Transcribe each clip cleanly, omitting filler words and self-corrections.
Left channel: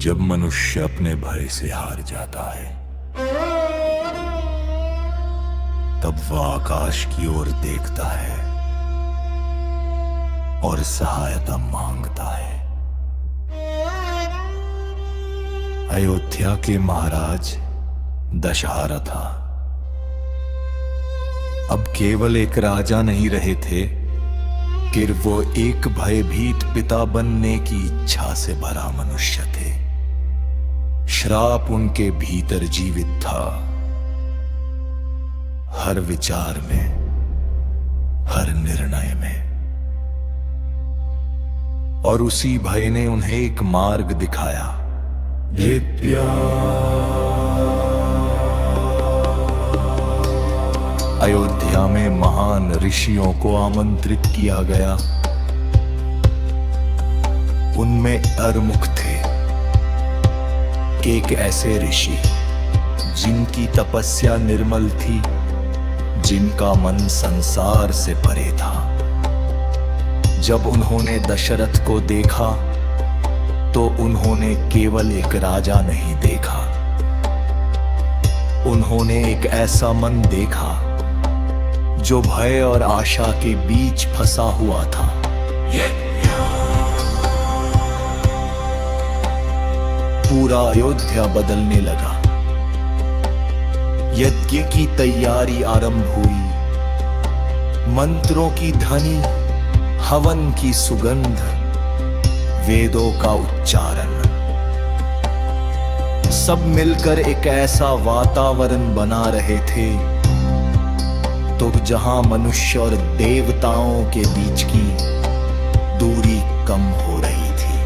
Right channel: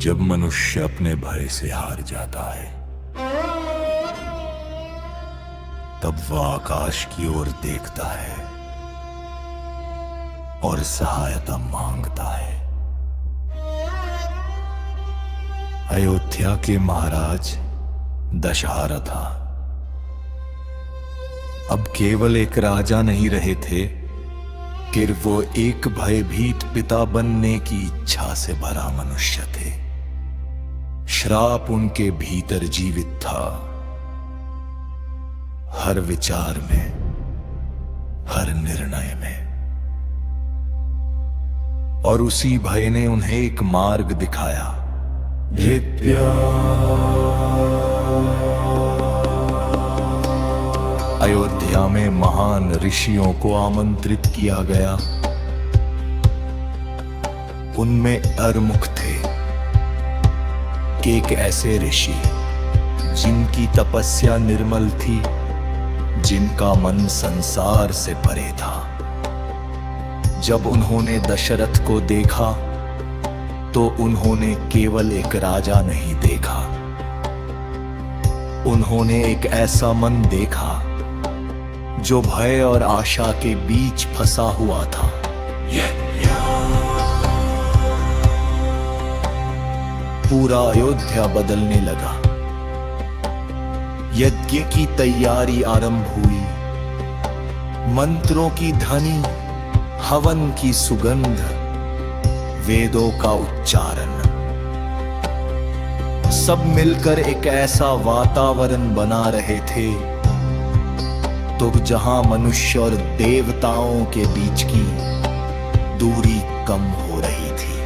जब मनुष्य अपने भय से हार जाता है, तब वह आकाश की ओर देखता है और सहायता मांगता है। अयोध्या के महाराज दशरथ अब केवल एक राजा नहीं रहे थे, कि वो एक भयभीत पिता बनने की इच्छा से भरा मनुष्य थे। श्राप उनके भीतर जीवित था, हर विचार में, हर निर्णय में। और उसी भय ने उन्हें एक मार्ग दिखाया। अयोध्या में महान ऋषियों को आमंत्रित किया गया। उनमें अरमुख थे, कि एक ऐसे ऋषि जिनकी तपस्या निर्मल थी, जिनका मन संसार से परे था। जब उन्होंने दशरथ को देखा तो उन्होंने केवल एक राजा नहीं देखा, उन्होंने एक ऐसा मन देखा जो भय और आशा के बीच फंसा हुआ था। पूरा अयोध्या बदलने लगा। यज्ञ की तैयारी आरंभ हुई। मंत्रों की ध्वनि, हवन की सुगंध, वेदों का उच्चारण, सब मिलकर एक ऐसा वातावरण बना रहे थे तो जहां मनुष्य और देवताओं के बीच की दूरी कम हो रही थी।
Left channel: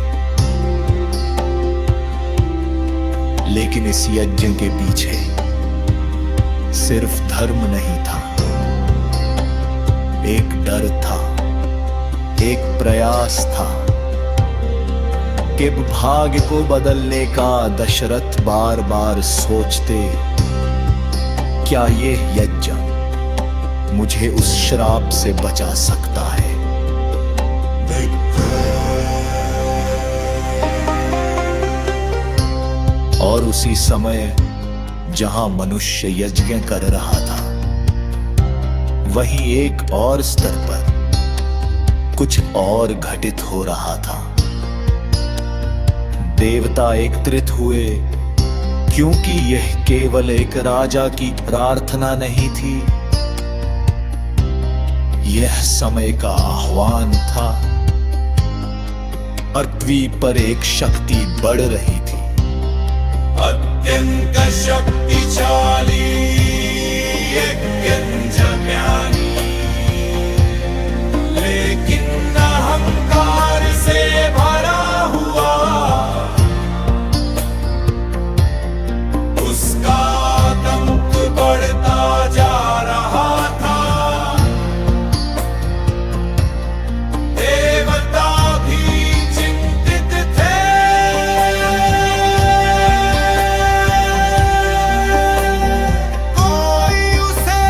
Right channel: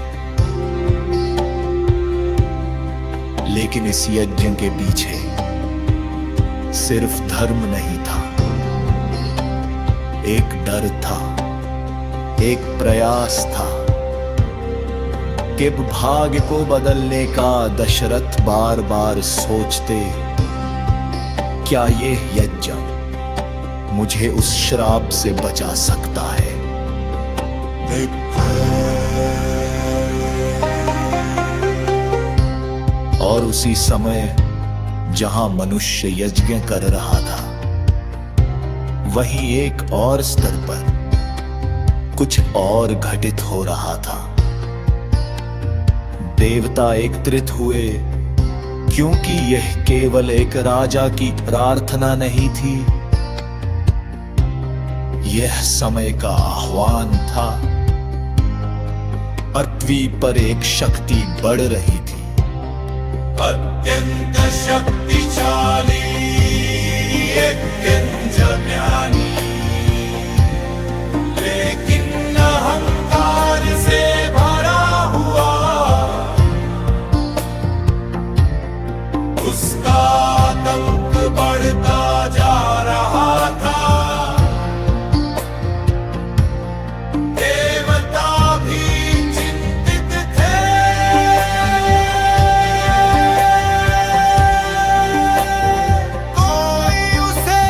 लेकिन इस यज्ञ के पीछे सिर्फ धर्म नहीं था, एक डर था, एक प्रयास था कि भाग्य को बदलने का दशरथ बार बार सोचते, क्या ये यज्ञ मुझे उस श्राप से बचा सकता है? और उसी समय जहां मनुष्य यज्ञ कर रहा था, वहीं एक और स्तर पर कुछ और घटित हो रहा था। देवता एकत्रित हुए, क्योंकि यह केवल एक राजा की प्रार्थना नहीं थी, यह समय का आह्वान था। पृथ्वी पर एक शक्ति बढ़ रही थी, अत्यंत शक्तिशाली, ज्ञानी, लेकिन अहंकार से भरा हुआ। उसका आतंक बढ़ता जा रहा था। देवता भी चिंतित थे। कोई उसे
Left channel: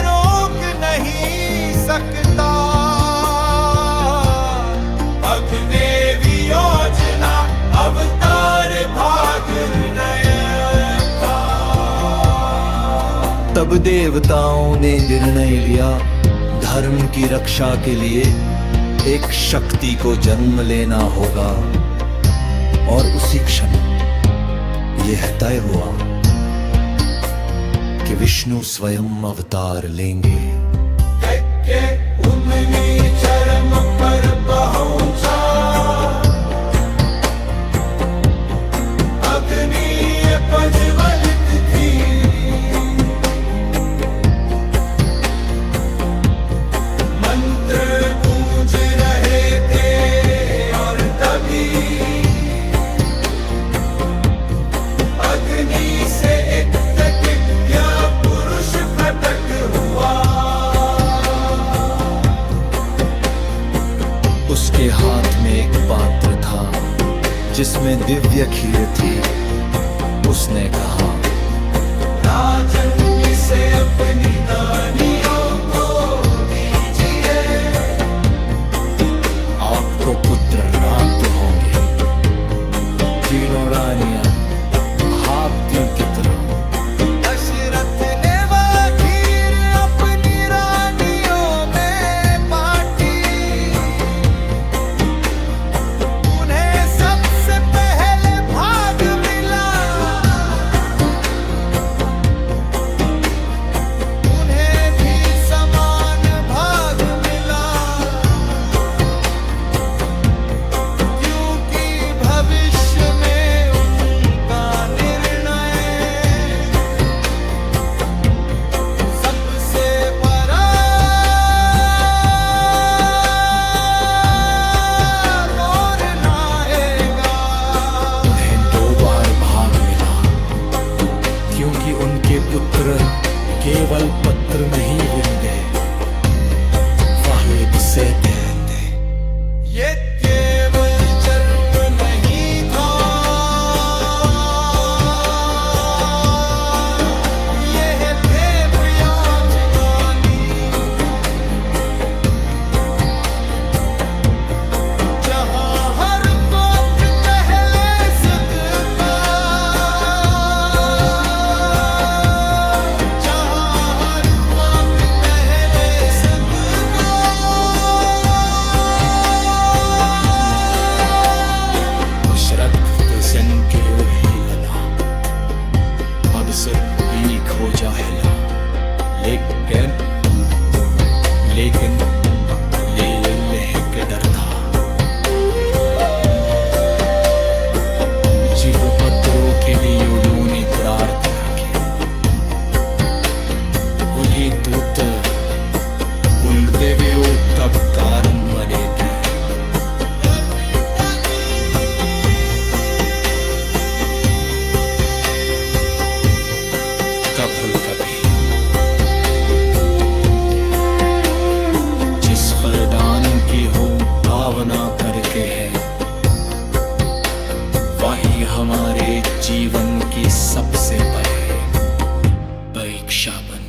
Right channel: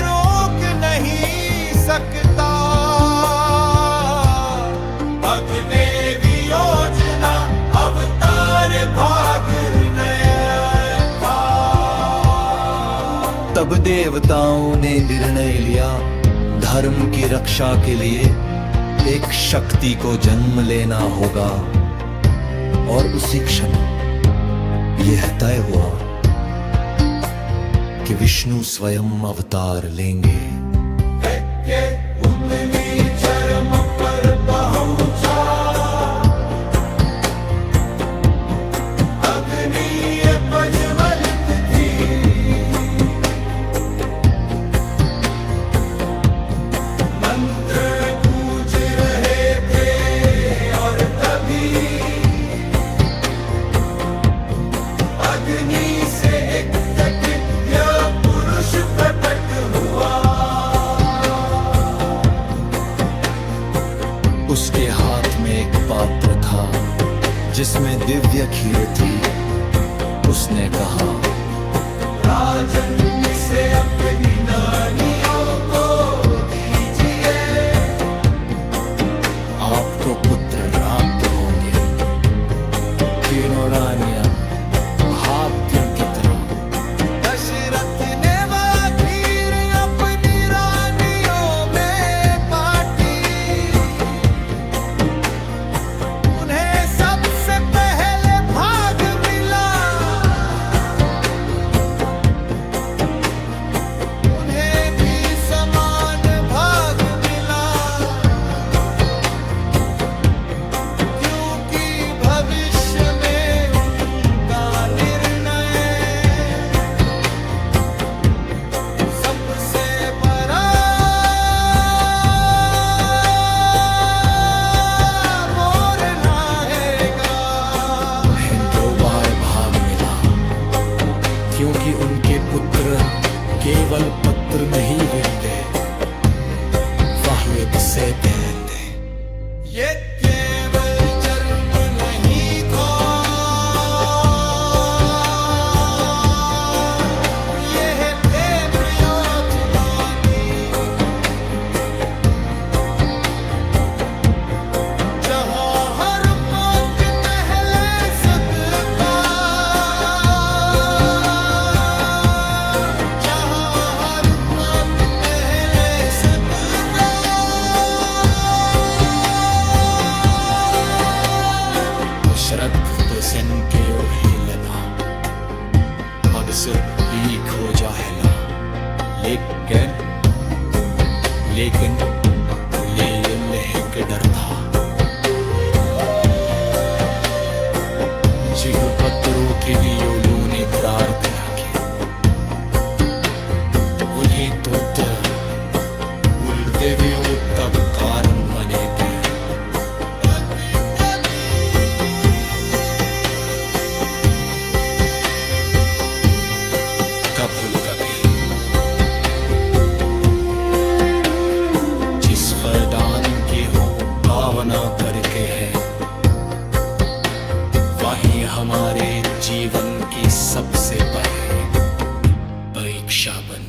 रोक नहीं सकता। अग्नि योजना अवतार भाग नया था। तब देवताओं ने निर्णय लिया, धर्म की रक्षा के लिए एक शक्ति को जन्म लेना होगा। और उसी क्षण यह तय हुआ कि विष्णु स्वयं अवतार लेंगे। चरम पर पहुंचा। अग्नि प्रज्वलित थी। मंत्र गूंज रहे थे और तभी अग्नि से एक दिव्य पुरुष प्रकट हुआ। उसके हाथ में एक पात्र था जिसमें दिव्य खीर थी। उसने कहा, राजन इसे अपनी नानियों को दीजिए। तीनों रानियां भाग्यों की तरह। दशरथ ने वह खीर अपनी रानियों में बांटी, उन्हें सबसे पहले भाग मिला, उन्हें भी समान भाग मिला, क्योंकि भविष्य में उनका निर्णय सबसे बड़ा मोर लाएगा। उन्हें 2 बार भाग मिला, क्योंकि उनके पुत्र केवल पत्र नहीं बिनते, वाहिद से रहते। ये केवल जन्म नहीं था, ये थे प्रियोजगानी, जहां हर बात पहले सकता, जहां हर बात पहले सकता। दशरथ सन के उहिलना, अक्सर बीक हो जाहिला, लेकिन लेकिन ले के डर था। जीव पत्रों के लिए उन्होंने प्रार्थना की, उन्हें दूत उल्टे तब कारण बने थे। कभी कभी जिस मैदान की हो भावना करके है, वही हमारे जीवन की सबसे बड़ी परीक्षा बन